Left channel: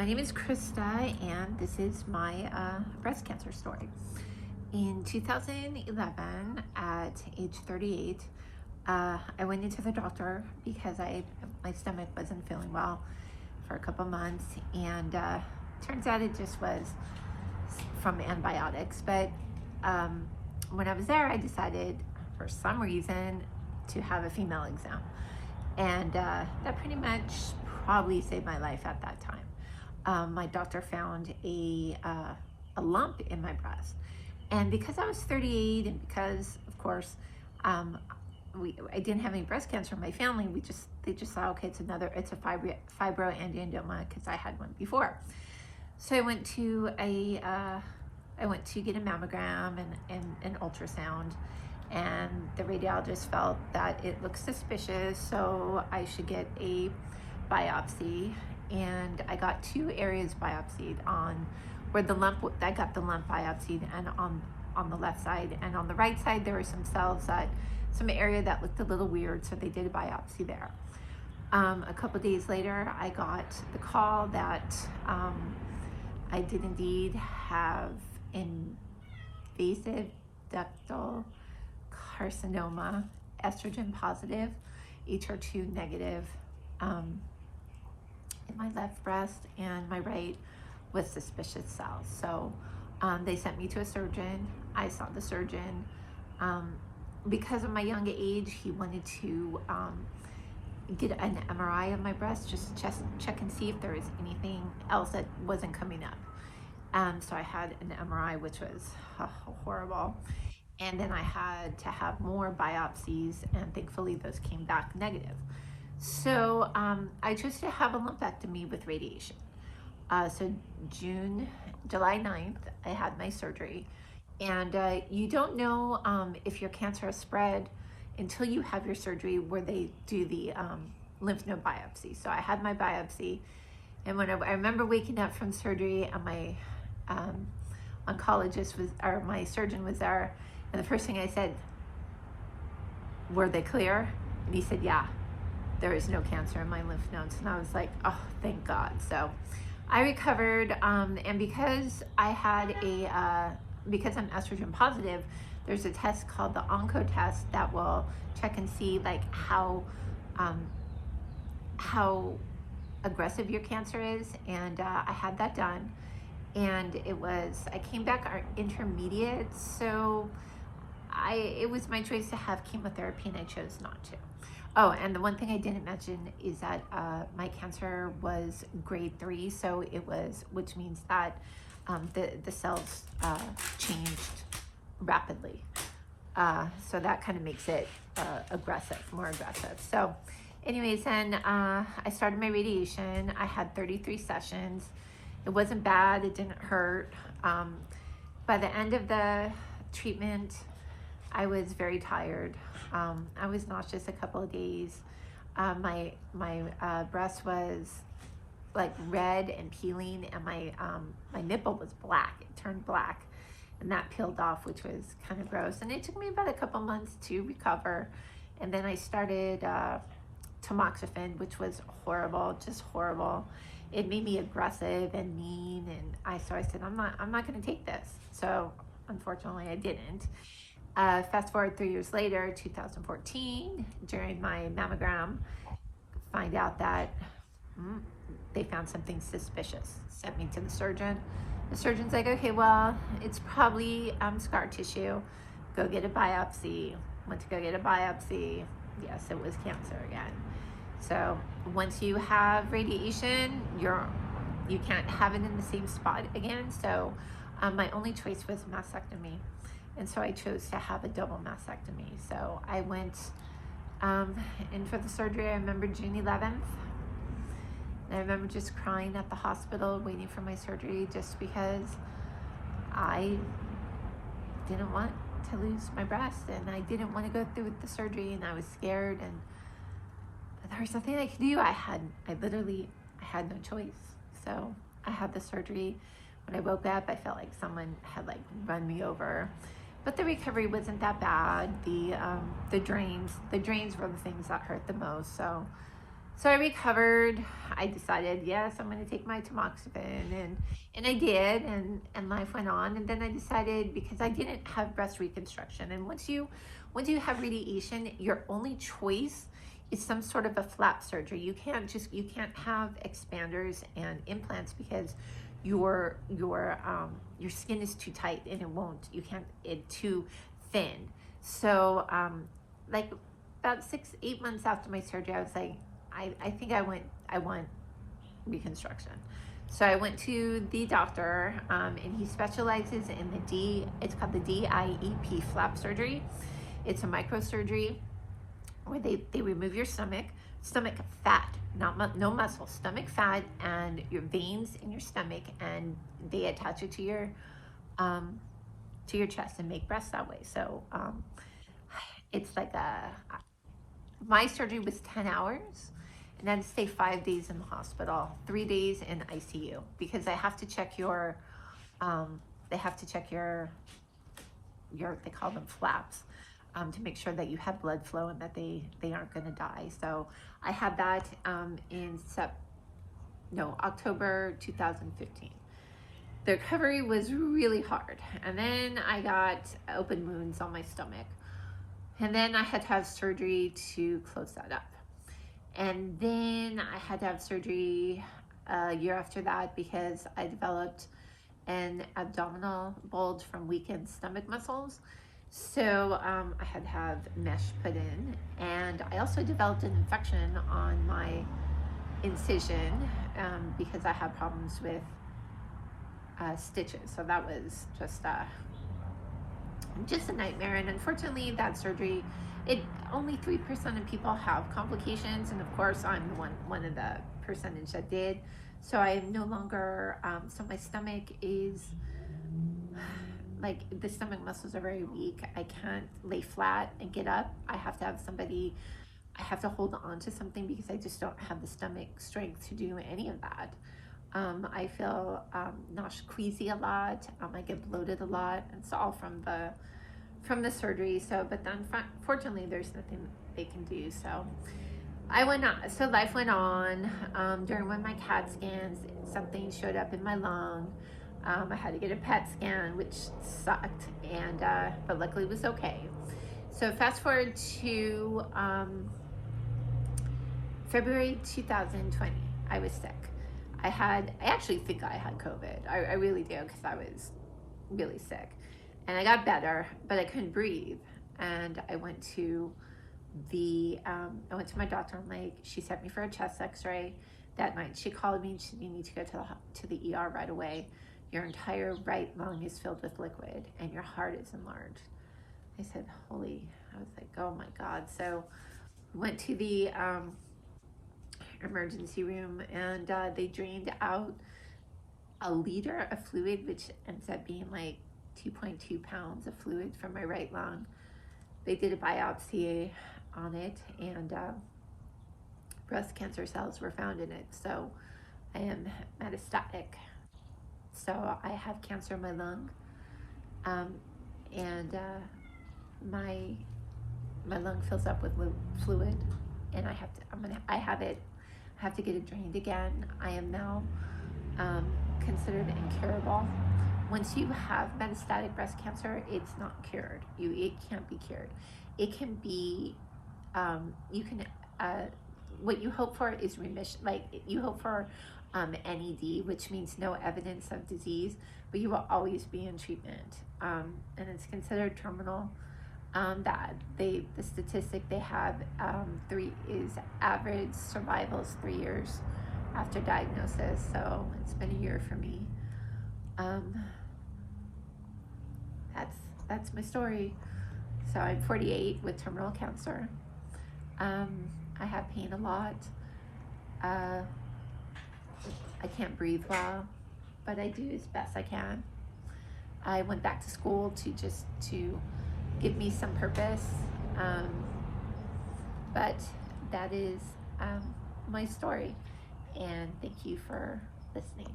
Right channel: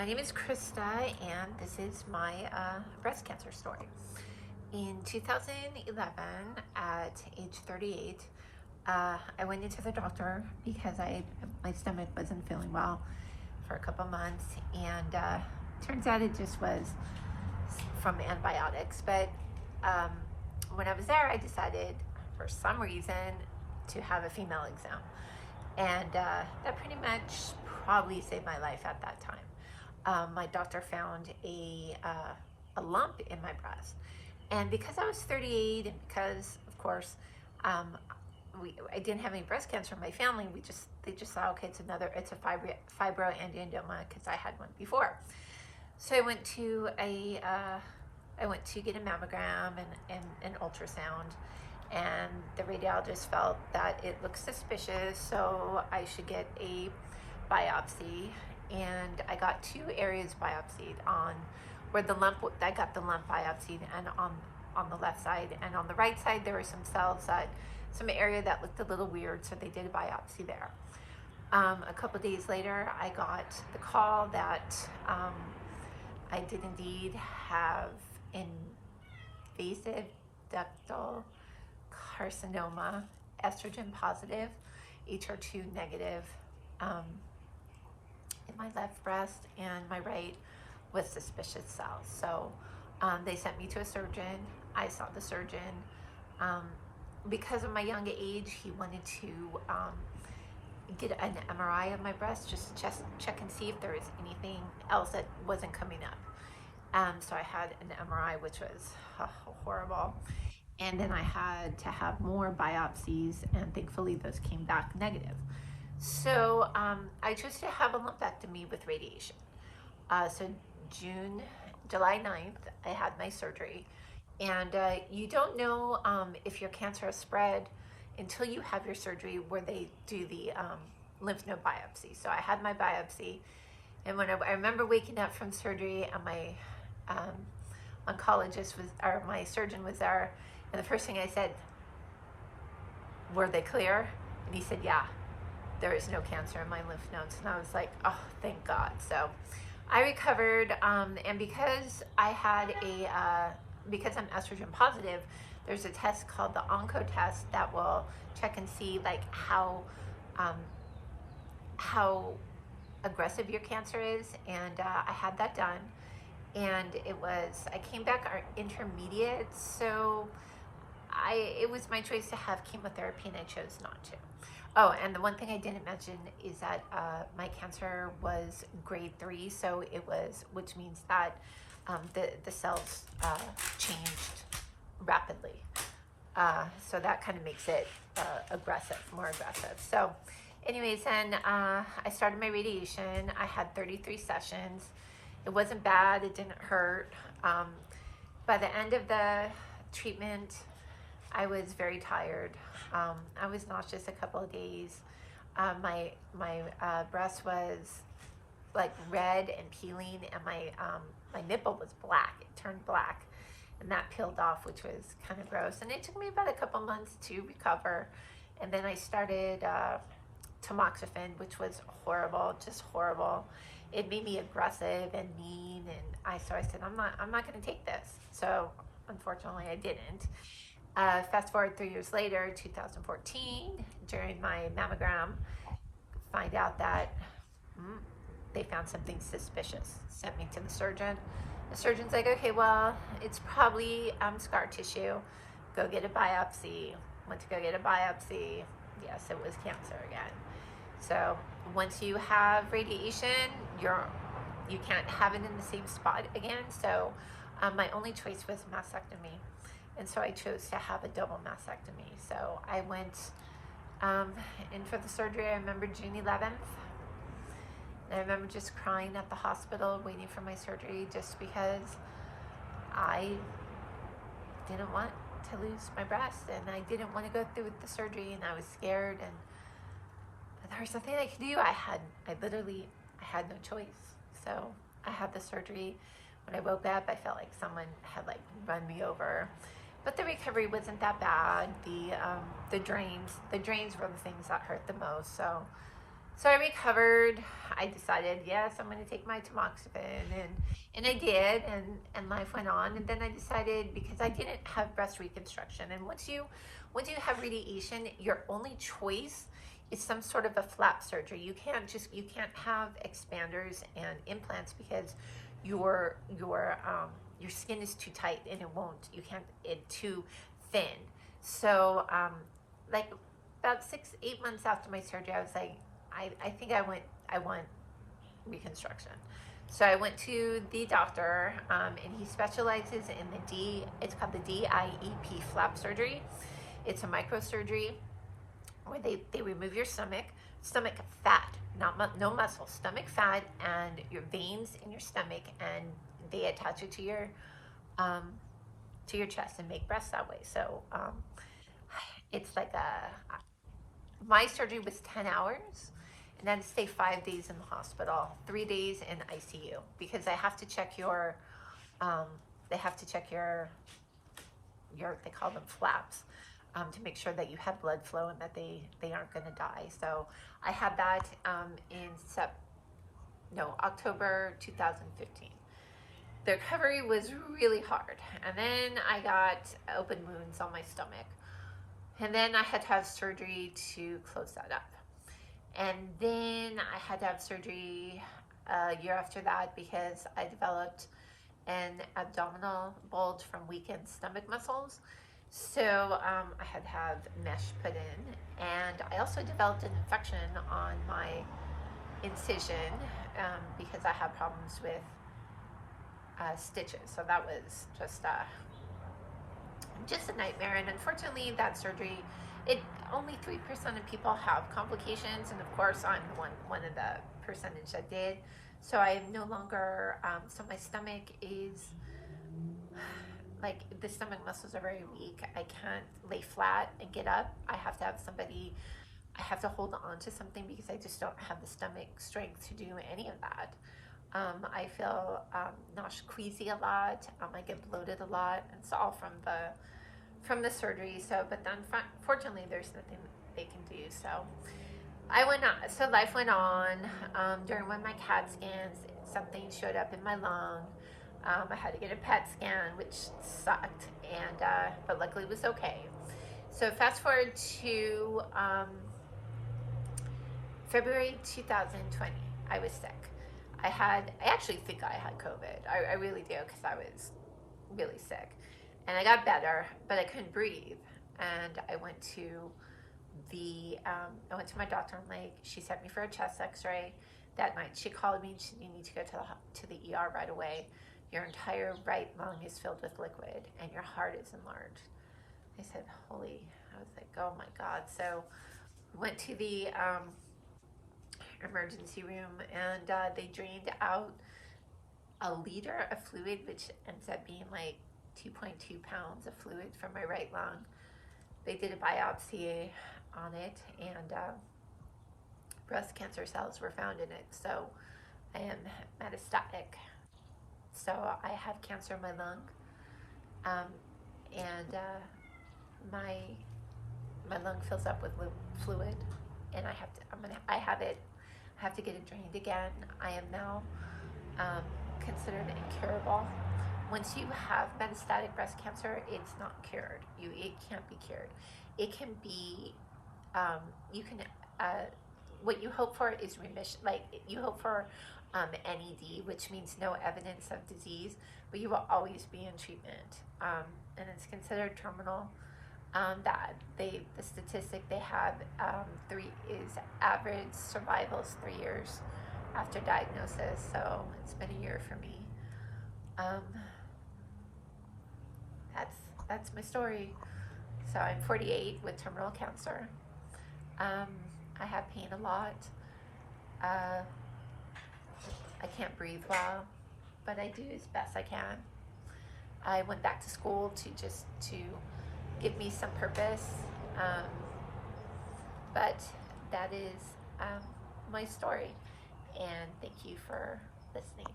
My name is Krista, and this is my breast cancer story. In 2011, at age 38, I went into the doctor because my stomach wasn't feeling well for a couple months, and turns out it just was from antibiotics. But when I was there, I decided for some reason to have a female exam, and that pretty much probably saved my life at that time. My doctor found a lump in my breast, and because I was 38, and because, of course, I didn't have any breast cancer in my family, they just thought, okay, it's a fibroadenoma, because I had one before. So I went to get a mammogram and an ultrasound, and the radiologist felt that it looked suspicious, so I should get a biopsy. And I got 2 areas biopsied, on where I got the lump biopsied, and on the left side, and on the right side there were some cells some area that looked a little weird, so they did a biopsy there. A couple days later, I got the call that I did indeed have invasive ductal carcinoma, estrogen positive, HER2 negative, in my left breast, and my right with suspicious cells. So they sent me to a surgeon. I saw the surgeon. Because of my young age, he wanted to get an MRI of my breast, just check and see if there was anything else that wasn't coming up. So I had an MRI, which was horrible. And then I had to have more biopsies, and thankfully those came back negative. So I chose to have a lumpectomy with radiation. So July 9th, I had my surgery. And you don't know if your cancer has spread until you have your surgery, where they do the lymph node biopsy. So I had my biopsy, and I remember waking up from surgery, and my my surgeon was there, and the first thing I said, "Were they clear?" And he said, "Yeah, there is no cancer in my lymph nodes." And I was like, oh, thank God. So I recovered, and because because I'm estrogen positive, there's a test called the OncoTest test that will check and see like how aggressive your cancer is, and I had that done, and I came back intermediate, so it was my choice to have chemotherapy, and I chose not to. Oh, and the one thing I didn't mention is that my cancer was grade 3, so which means that the cells changed rapidly. So that kind of makes it more aggressive. So anyways, then I started my radiation. I had 33 sessions. It wasn't bad, it didn't hurt. By the end of the treatment, I was very tired. I was nauseous a couple of days. My breast was like red and peeling, and my nipple was black. It turned black, and that peeled off, which was kind of gross. And it took me about a couple months to recover. And then I started tamoxifen, which was horrible, just horrible. It made me aggressive and mean, and so I said, I'm not going to take this. So unfortunately, I didn't. Fast forward 3 years later, 2014, during my mammogram, find out that they found something suspicious. Sent me to the surgeon. The surgeon's like, okay, well, it's probably scar tissue. Go get a biopsy. Went to go get a biopsy. Yes, it was cancer again. So once you have radiation, you can't have it in the same spot again. So my only choice was mastectomy. And so I chose to have a double mastectomy. So I went in for the surgery. I remember June 11th. And I remember just crying at the hospital, waiting for my surgery, just because I didn't want to lose my breast, and I didn't want to go through with the surgery, and I was scared, and there was nothing I could do. I had no choice. So I had the surgery. When I woke up, I felt like someone had run me over. But the recovery wasn't that bad. The drains were the things that hurt the most. So I recovered. I decided, yes, I'm going to take my tamoxifen, and I did, and life went on. And then I decided, because I didn't have breast reconstruction, and once you have radiation, your only choice is some sort of a flap surgery. You can't have expanders and implants because your skin is too tight, and you can't, it's too thin. So like about 6, 8 months after my surgery, I was like, I think I want reconstruction. So I went to the doctor, and he specializes in it's called the DIEP flap surgery. It's a microsurgery where they remove your stomach fat, no muscle, stomach fat, and your veins in your stomach, and they attach it to your chest and make breasts that way. So it's like my surgery was 10 hours, and then stay 5 days in the hospital, 3 days in ICU, because they have to check um, they call them flaps, to make sure that you have blood flow and that they aren't going to die. So I had that in October 2015. The recovery was really hard, and then I got open wounds on my stomach, and then I had to have surgery to close that up. And then I had to have surgery a year after that because I developed an abdominal bulge from weakened stomach muscles. So I had to have mesh put in, and I also developed an infection on my incision because I had problems with stitches. So that was just a nightmare. And unfortunately, that surgery, only 3% of people have complications, and of course I'm one of the percentage that did. So I am no longer, so my stomach is like, the stomach muscles are very weak. I can't lay flat and get up. I have to hold on to something because I just don't have the stomach strength to do any of that. I feel nauseous, queasy a lot. I get bloated a lot. It's all from the surgery. So, but then fortunately, there's nothing they can do. So I went on. So life went on. During one of my CAT scans, something showed up in my lung. I had to get a PET scan, which sucked, and but luckily it was okay. So fast forward to February 2020. I was sick. I actually think I had COVID. I really do, because I was really sick. And I got better, but I couldn't breathe. And I went to my doctor, and like, she sent me for a chest x-ray that night. She called me and she said, you need to go to the ER right away. Your entire right lung is filled with liquid and your heart is enlarged. I said, I was like, oh my God. So went to the emergency room, and they drained out a liter of fluid, which ends up being like 2.2 pounds of fluid from my right lung. They did a biopsy on it, and breast cancer cells were found in it. So I am metastatic. So I have cancer in my lung, and my lung fills up with fluid, and I have to get it drained again. I am now considered incurable. Once you have metastatic breast cancer, it's not cured. It can't be cured. It can be, what you hope for is remission. Like, you hope for NED, which means no evidence of disease, but you will always be in treatment. And it's considered terminal. The statistic they have average survival is 3 years after diagnosis. So it's been a year for me. That's my story. So I'm 48 with terminal cancer. I have pain a lot. I can't breathe well, but I do as best I can. I went back to school to give me some purpose. But that is my story, and thank you for listening.